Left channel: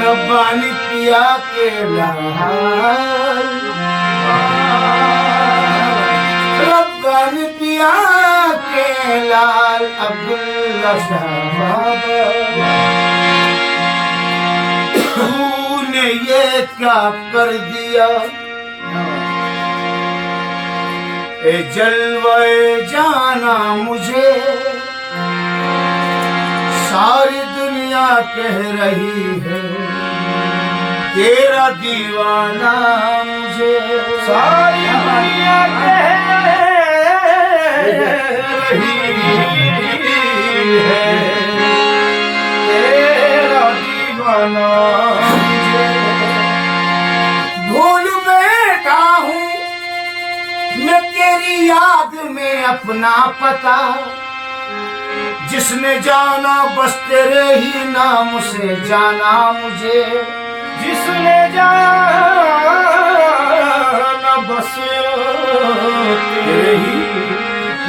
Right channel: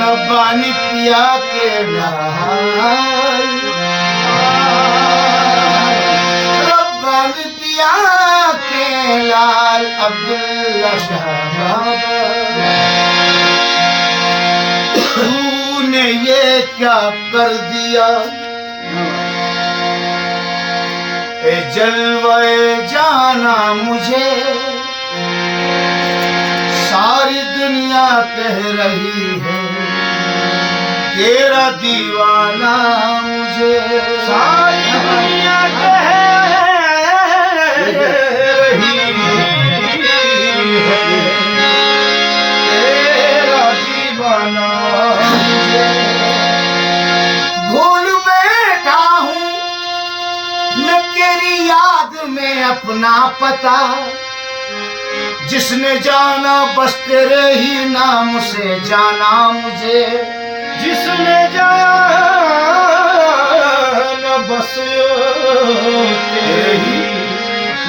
रब्बानी पिया के लाल, रब्बानी पिया के लाल अब्दुल्ला शाह बाबा, तूने ये क्या कर दिया ए जलवे जाना मुझे, सारी दुनिया कह रही है तेरा दीवाना मुझे, सारी दुनिया कह रही है तेरा दीवाना मुझे। भूल बैठा हूँ मैं तेरी याद में अपना पता, जिसने जाना बस तेरे ही नाम से जाना मुझे, जिसने जाना बस तेरे ही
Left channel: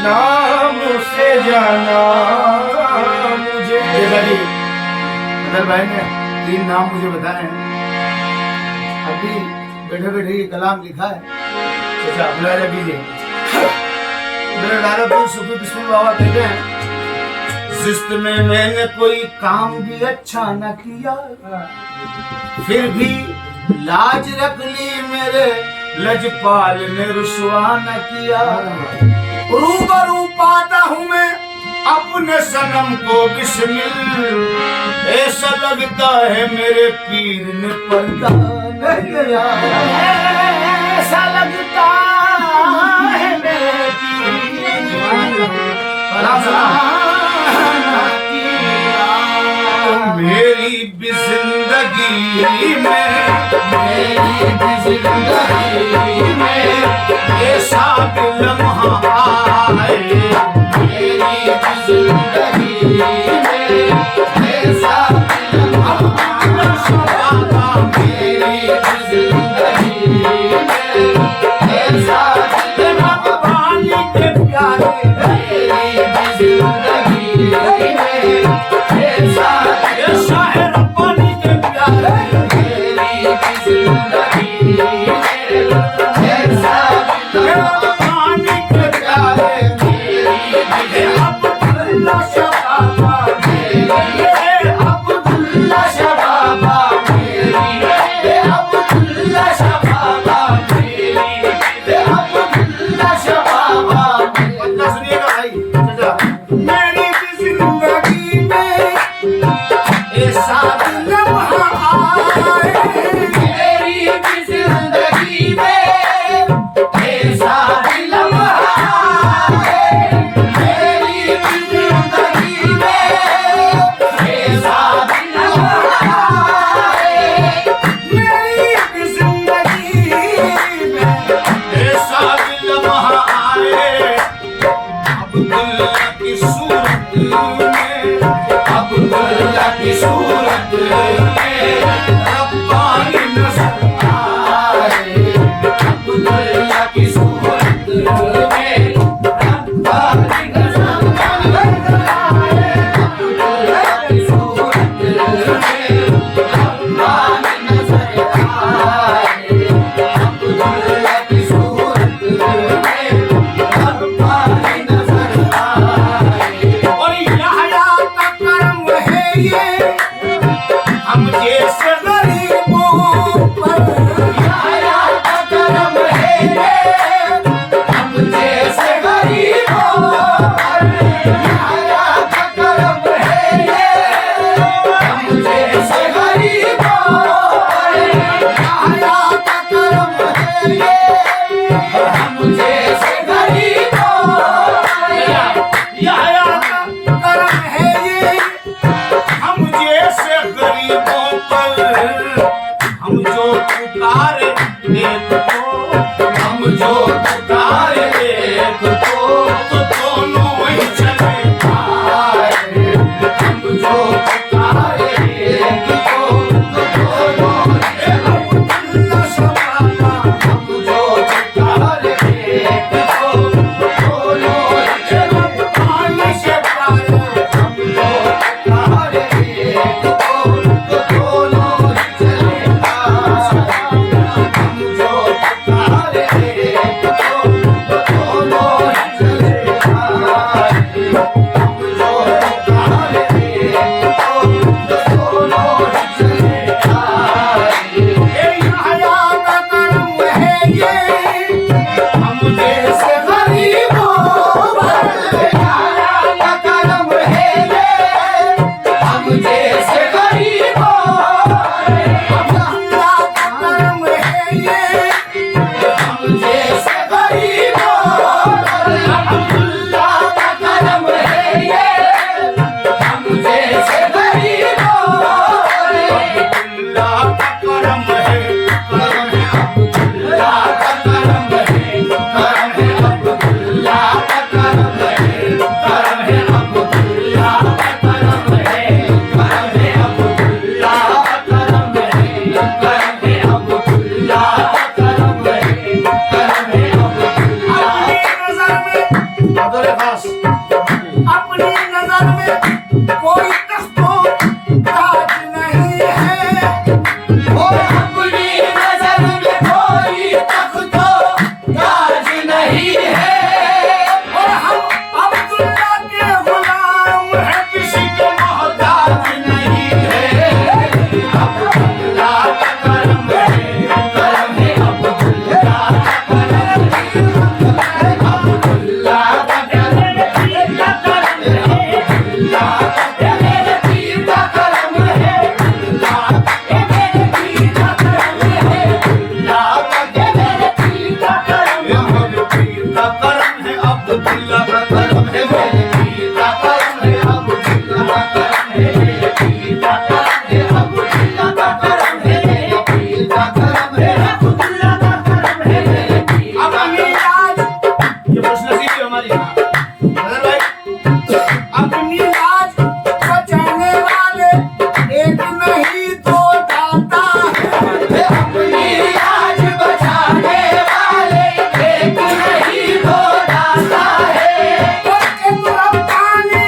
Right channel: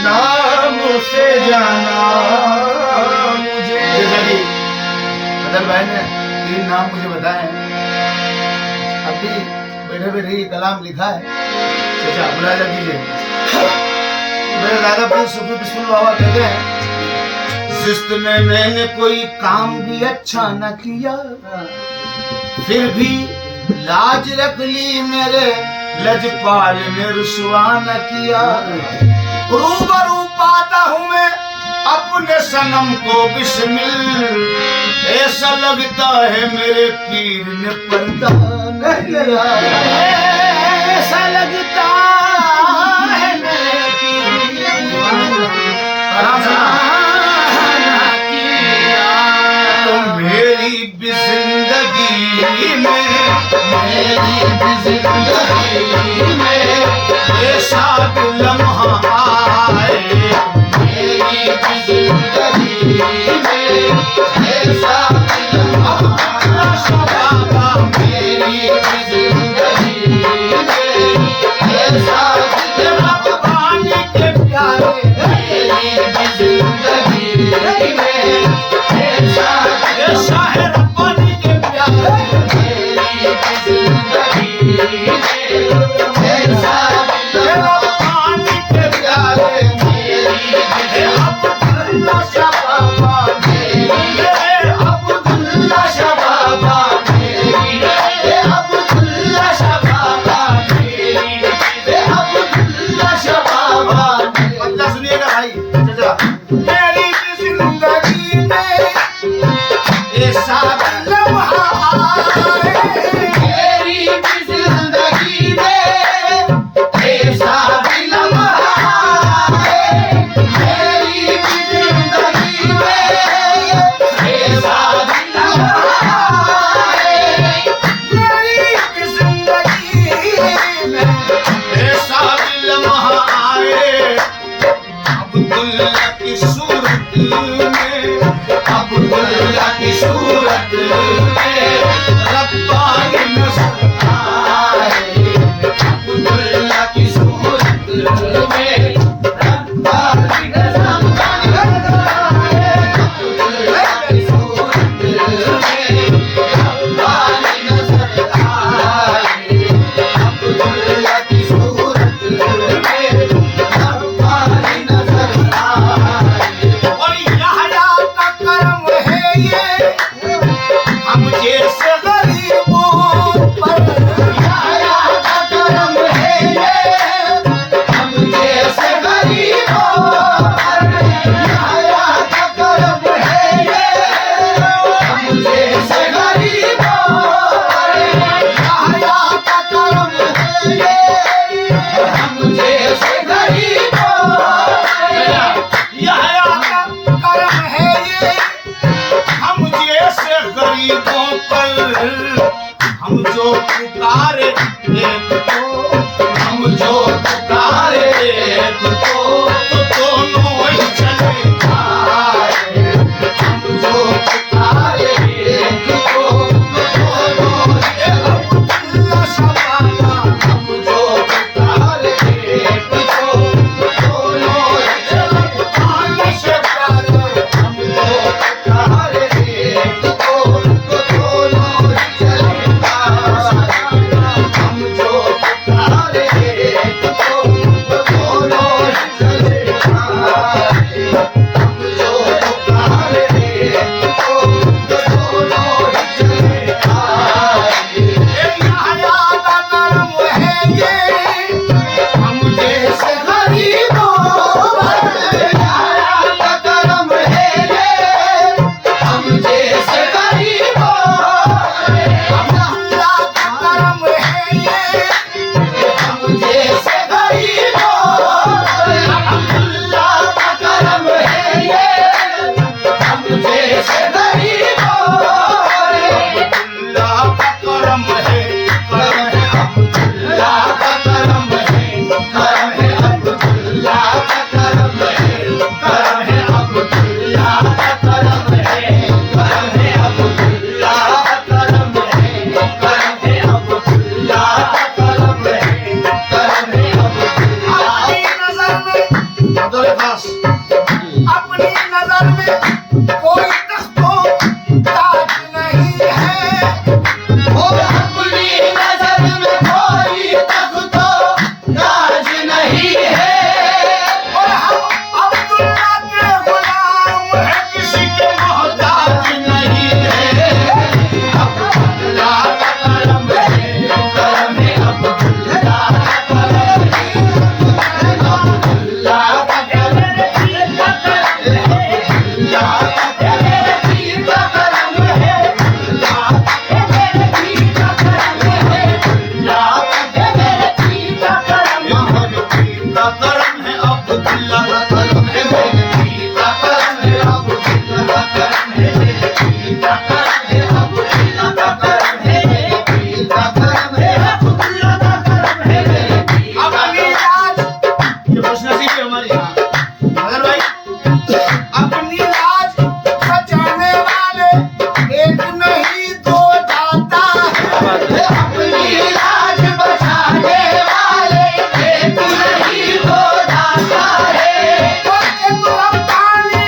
नाम से जाना मुझे। जैसा कि बदल भाई ने 3 नाम मुझे बताए हैं, अभी बैठे बैठे ये कलाम लिखा है। चाचा बुलाया दीजिए। मेरे दादा भाई सुबह बिस्मिल बाबा कहते हैं, जिस्त में मैंने कोई काम भी अच्छा न किया, फिर भी लाज रख ली मेरे लजपाल ने रुसवा न किया। रूबरू पाता हूँ मैं अपने सनम को बिस्मिल, ऐसा लगता है मेरे पीर ने पर्दा न किया, ऐसा लगता है मेरे पीर ने मेरी भी जिंदगी में, मेरी भी जिंदगी में ऐसा लम्हा आए, मेरी भी जिंदगी में ऐसा लम्हा बाबा, मेरी भी जिंदगी में ऐसा रब्बानी के प्यारे, मेरी भी जिंदगी में ऐसा है रब्बानी के प्यारे, मेरी जिंदगी ऐसा रब्बानी के प्यारे, मेरी अब्दुल्ला शाह बाबा, अब्दुल्ला शाह बाबा, अब्दुल्ला शाह बाबा, अब्दुल्ला शाह बाबा। मतलब सुनिएगा भाई, मेरी जिंदगी में ऐसा लम्हा आए, मेरी भी जिंदगी में ऐसा लम्हा आए, मेरी भी जिंदगी में ऐसा लम्हा आए, मेरी भी जिंदगी में ऐसा लम्हा आए। अब्दुल्ला की सूरत में, अब्दुल्ला की सूरत में रब्बानी नजर आए, अब्दुल्ला की सूरत में रब्बानी नजर आए, अब्दुल्ला की सूरत में रब्बानी नजर आए, अब्दुल्ला की सूरत में रब्बानी नजर आए। और यहाँ अपनी नजर में कोई तख्तो ताज नहीं है, और अपनी नजर में कोई तख्तो ताज नहीं है, और हम अब्दुल्ला के गुलाम हैं, किसी के मोहताज नहीं है। अब्दुल्ला का करम है, करम है अब्दुल्ला का करम है, अब्दुल्ला का करम है, अब्दुल्ला का मेरे पीर का करम है, अब्दुल्ला का मेरे पीर का करम है, अब्दुल्ला का मेरे पीर का करम है, मेरे पीर का करम है, अब्दुल्ला का करम है, मेरे पीर का करम है, अब्दुल्ला का करम है, मेरे पीर का करम है, अब्दुल्ला का करम है, मेरे पीर का करम है, अब्दुल्ला का करम है, मेरे पीर का अपनी लाज, ये खुशनसीबी है हमारी। मदन भाई अपनी लाज बचाने वाले एक नहीं दो दाता है। अपनी लाज बचाने वाले एक नहीं दो दाता है, एक रब्बानी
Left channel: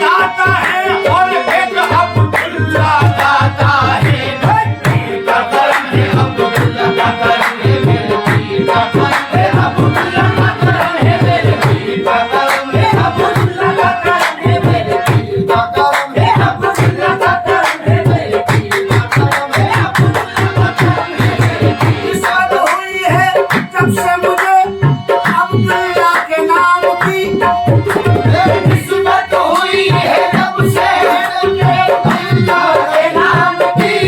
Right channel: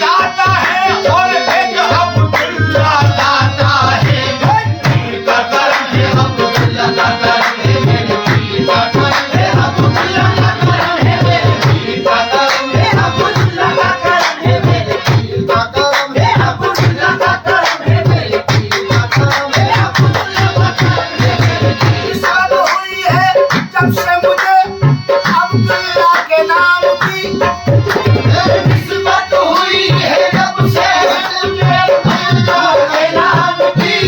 दाता है और एक अब्दुल्ला दाता है, पीर का करम है, अब्दुल्ला का करम है, मेरे पीर का करम है, अब्दुल्ला का करम है, मेरे पीर का करम है, अब्दुल्ला का करम है, मेरे पीर का करम है, अब्दुल्ला का करम है, मेरे पीर का करम है, अब्दुल्ला का करम है, मेरे पीर का सब हुई है जब से मुझे अब्दुल्ला के नाम की निस्बत हुई है जब से मुझे अब्दुल्ला के नाम की,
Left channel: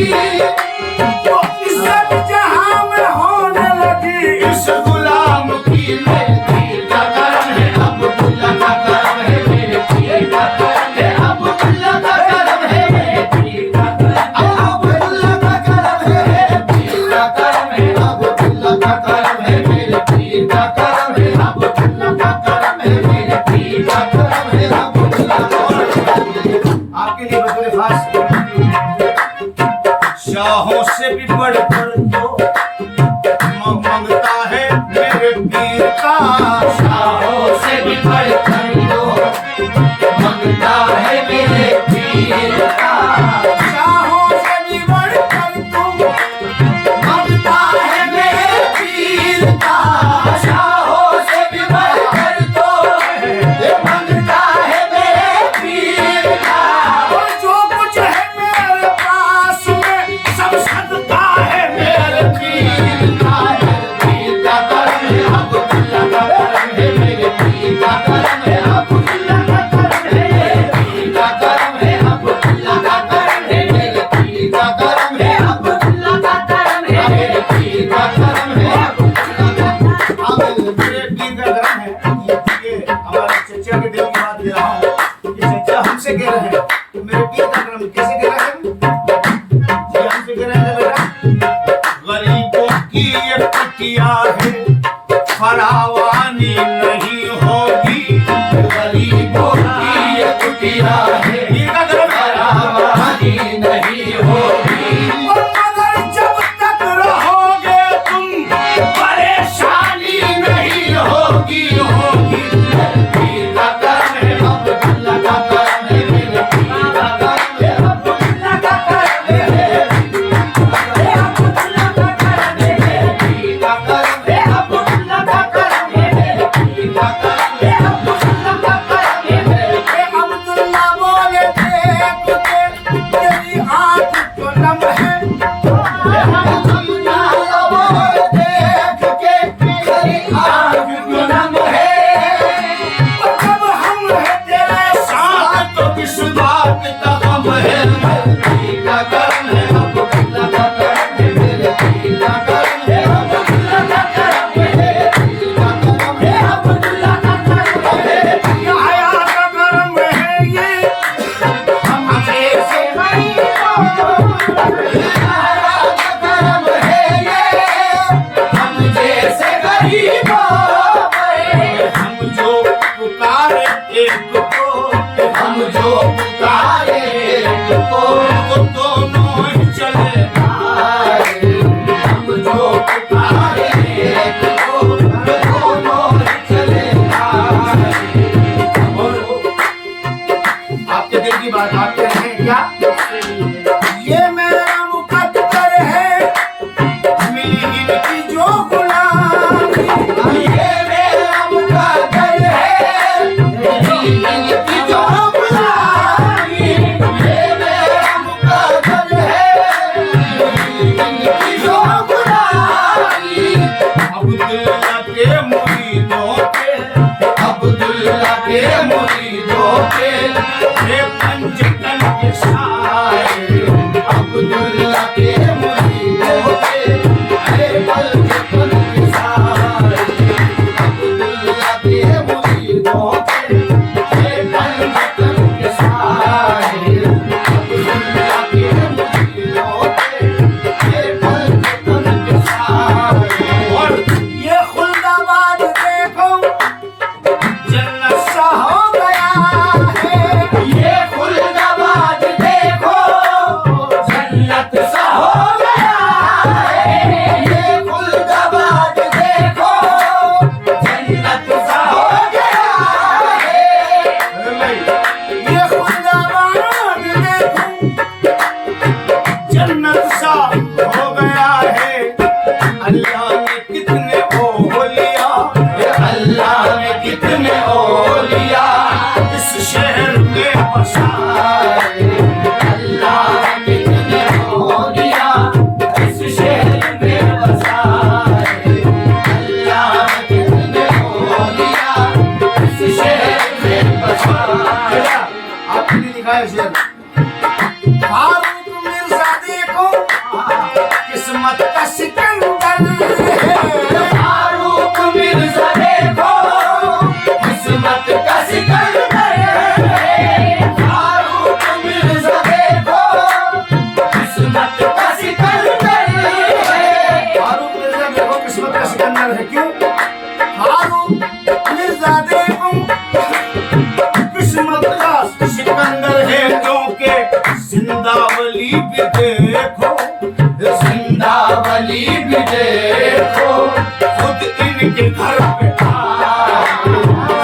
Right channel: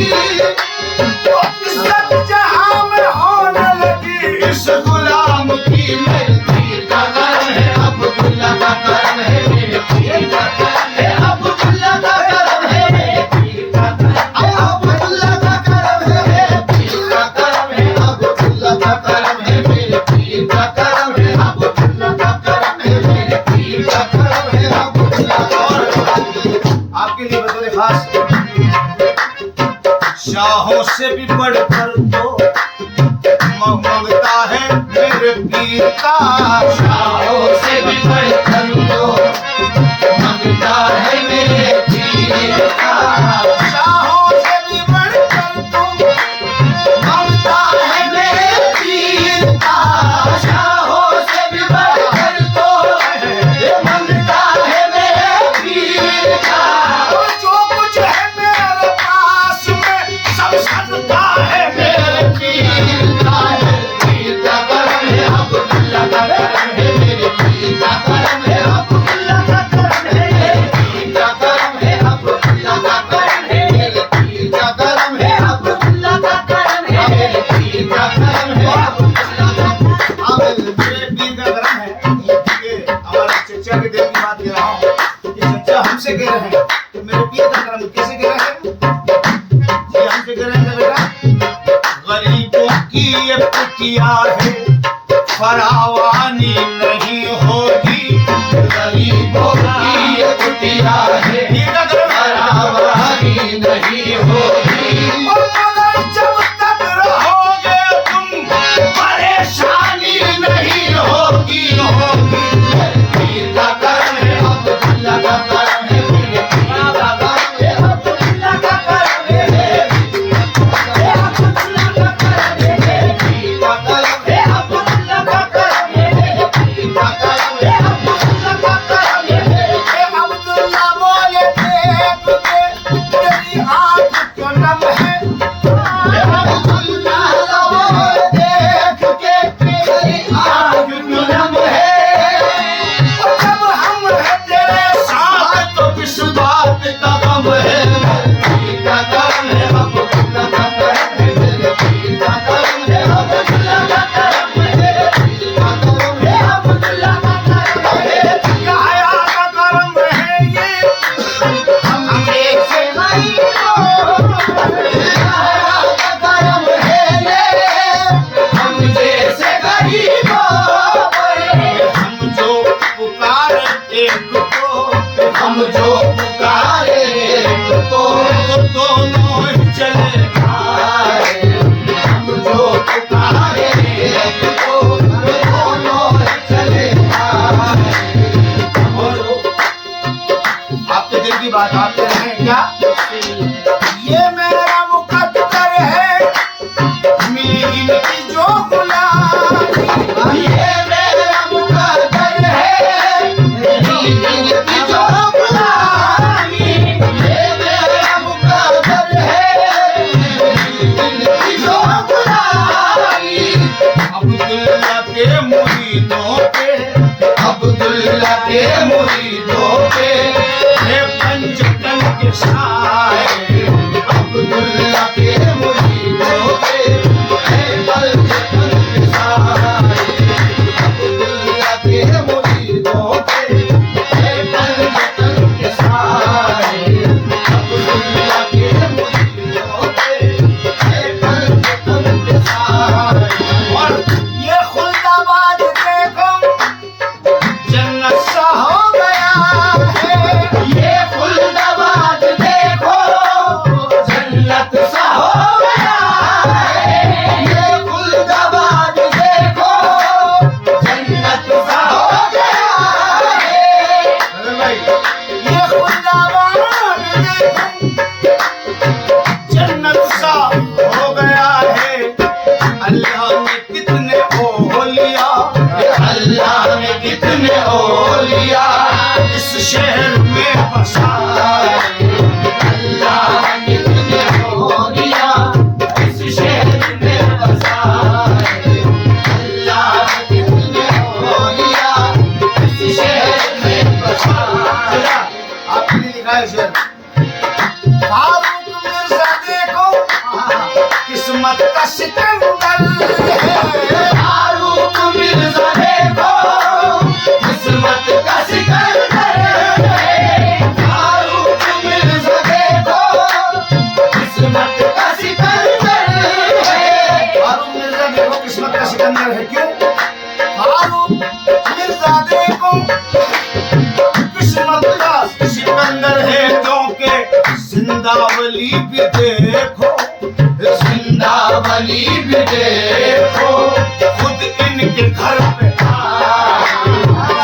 तो इज्जत जहां में होने लगी। इस गुलाम की मेरे पीर का करम है, अब्दुल्ला का करम है, मेरे पीर का करम है, अब्दुल्ला का करम है, मेरे पीर का करम है, अब्दुल्ला का करम है, मेरे पीर का करम है, अब्दुल्ला का करम है, मेरे पीर का करम है, अब्दुल्ला का करम है, मेरे पीर का करम है, अब्दुल्ला आपके लिए बतौर खास शाहों से भी बढ़कर तो मंगता है मेरे पीर का। शाहों से भी बढ़कर तो मंगता है मेरे पीर का, शाहों से भी बढ़कर तो मंगता है मेरे पीर का, शाहों से भी बढ़कर तो ये मंगता है मेरे पीर का, और जो कुछ है मेरे पास में सब सदका है मेरे पीर का, मेरे पीर का करम है, अब्दुल्ला का करम है, मेरे पीर का करम है, अब्दुल्ला का करम है, मेरे पीर का करम है, अब्दुल्ला का करम है, मेरे पीर का करम है, अब्दुल्ला का करम है, मेरे पीर का करम है, अब्दुल्ला का मेरे पीर का करम है। ये हमारे चचा के दिल की बात कह रहा हूँ, ये चचा हमसे कह रहे हैं कि मेरे पीर का करम कैसे कह रहे हैं? ये हमसे कह रहे हैं बेटा, गरीबों की ये कुटिया है, फरावानी नहीं होगी। गरीबों की ये कुटिया है, पीर का करम है। फरावानी नहीं होगी, और मगर जब तक रहोगे तुम परेशानी नहीं होगी, मेरे पीर का करम है, अब्दुल्ला का करम है, मेरे पीर का करम है, अब्दुल्ला का करम है, मेरे पीर का करम है, अब्दुल्ला का करम है, मेरे पीर का करम है, अब्दुल्ला का करम है, मेरे पीर का करम है, मेरे ए अब्दुल्ला बोले देख के तेरी आंख क्यों नम है। अब्दुल्ला देख के तेरी आँख क्यों नम है, और जब हम हैं तेरे साथ तो किस बात का गम है। मेरे पीर का करम है, अब्दुल्ला का करम है, मेरे पीर का करम है, अब्दुल्ला का करम है, मेरे पीर का करम है, अब्दुल्ला का करम है, ये हया का करम है ये हम जैसे गरीबों हया का करम है ये, हम जैसे गरीबों पर हम जो पुकार एक को हम जो पुकारे तो वो दोनों ही चले आए, हम जो पुकारे तो दोनों चले आए, बात आते हैं क्या? ये मेरा मुकद्दर है मिली इनकी जो गुलामी, ये मेरा मुकद्दर है मिली इनकी जो गुलामी, ये मेरा मुकद्दर है मिली इनकी जो गुलामी। अब्दुल्ला के मुरीदों के, अब्दुल्ला के मुरीदों के ये पंजतन के शायर, अब्दुल्ला के मुरीदों के पंजतन के साए, अब्दुल्ला के मुरीदों के पंजतन के साए, अब्दुल्ला के मुरीदों के पंजतन के साए। और ये खुल्दाबाद देखो जन्नत सा हो गया है, ये खुल्दाबाद देखो जन्नत सा हो गया है, ये खुल्दाबाद देखो जन्नत सा हो गया है। अरे भाई ये खुल्दाबाद देखो जन्नत सा हो गया है। अल्लाह ने कितने ओलिया, अल्लाह ने कितने औलिया इस शहर में बसाए, अल्लाह ने कितने औलिया इस शहर में बसाए, अल्लाह ने कितने औलिया इस शहर में बसाए। आपने लिखा है शेर, फारूक मिर्जा देखो किस्मत का सिकंदर है, फारूक मिर्जा देखो किस्मत का सिकंदर है, फारूक मिर्जा देखो किस्मत का सिकंदर है। फारूक मिर्जा देखो किस्मत का सिकंदर है। क्यों? फारूक मिर्जा देखो किस्मत का सिकंदर है, क्योंकि जिंदावली भी देखो, जिंदावली भी देखो खुद इनके घर पे आए,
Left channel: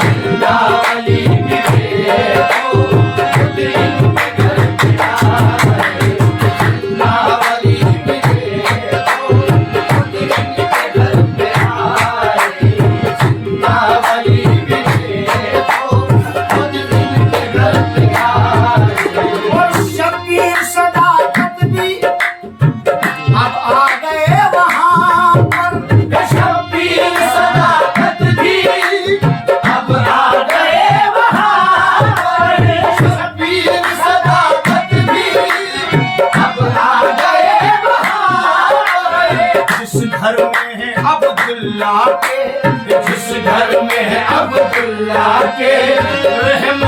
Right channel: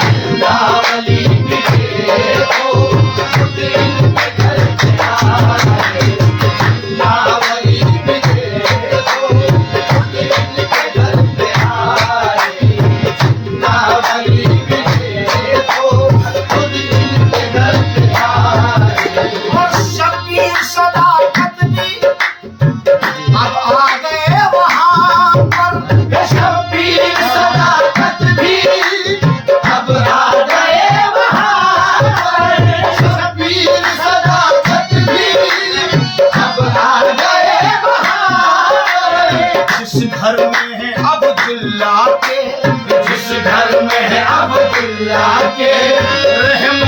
जिंदावली भी देखो खुद इनके घर पे आए, जिंदावली भी देखो खुद इनके घर पे आए, जिंदावली भी देखो खुद इनके घर पे आए। और शबीर सदाकत भी अब आ गए वहां पर, शबीर सदाकत भी अब आ गए वहाँ पर, शबीर सदाकत भी अब आ गए वहाँ पर। जिस घर में है अब्दुल्ला के, जिस घर में है अब्दुल्ला के रहम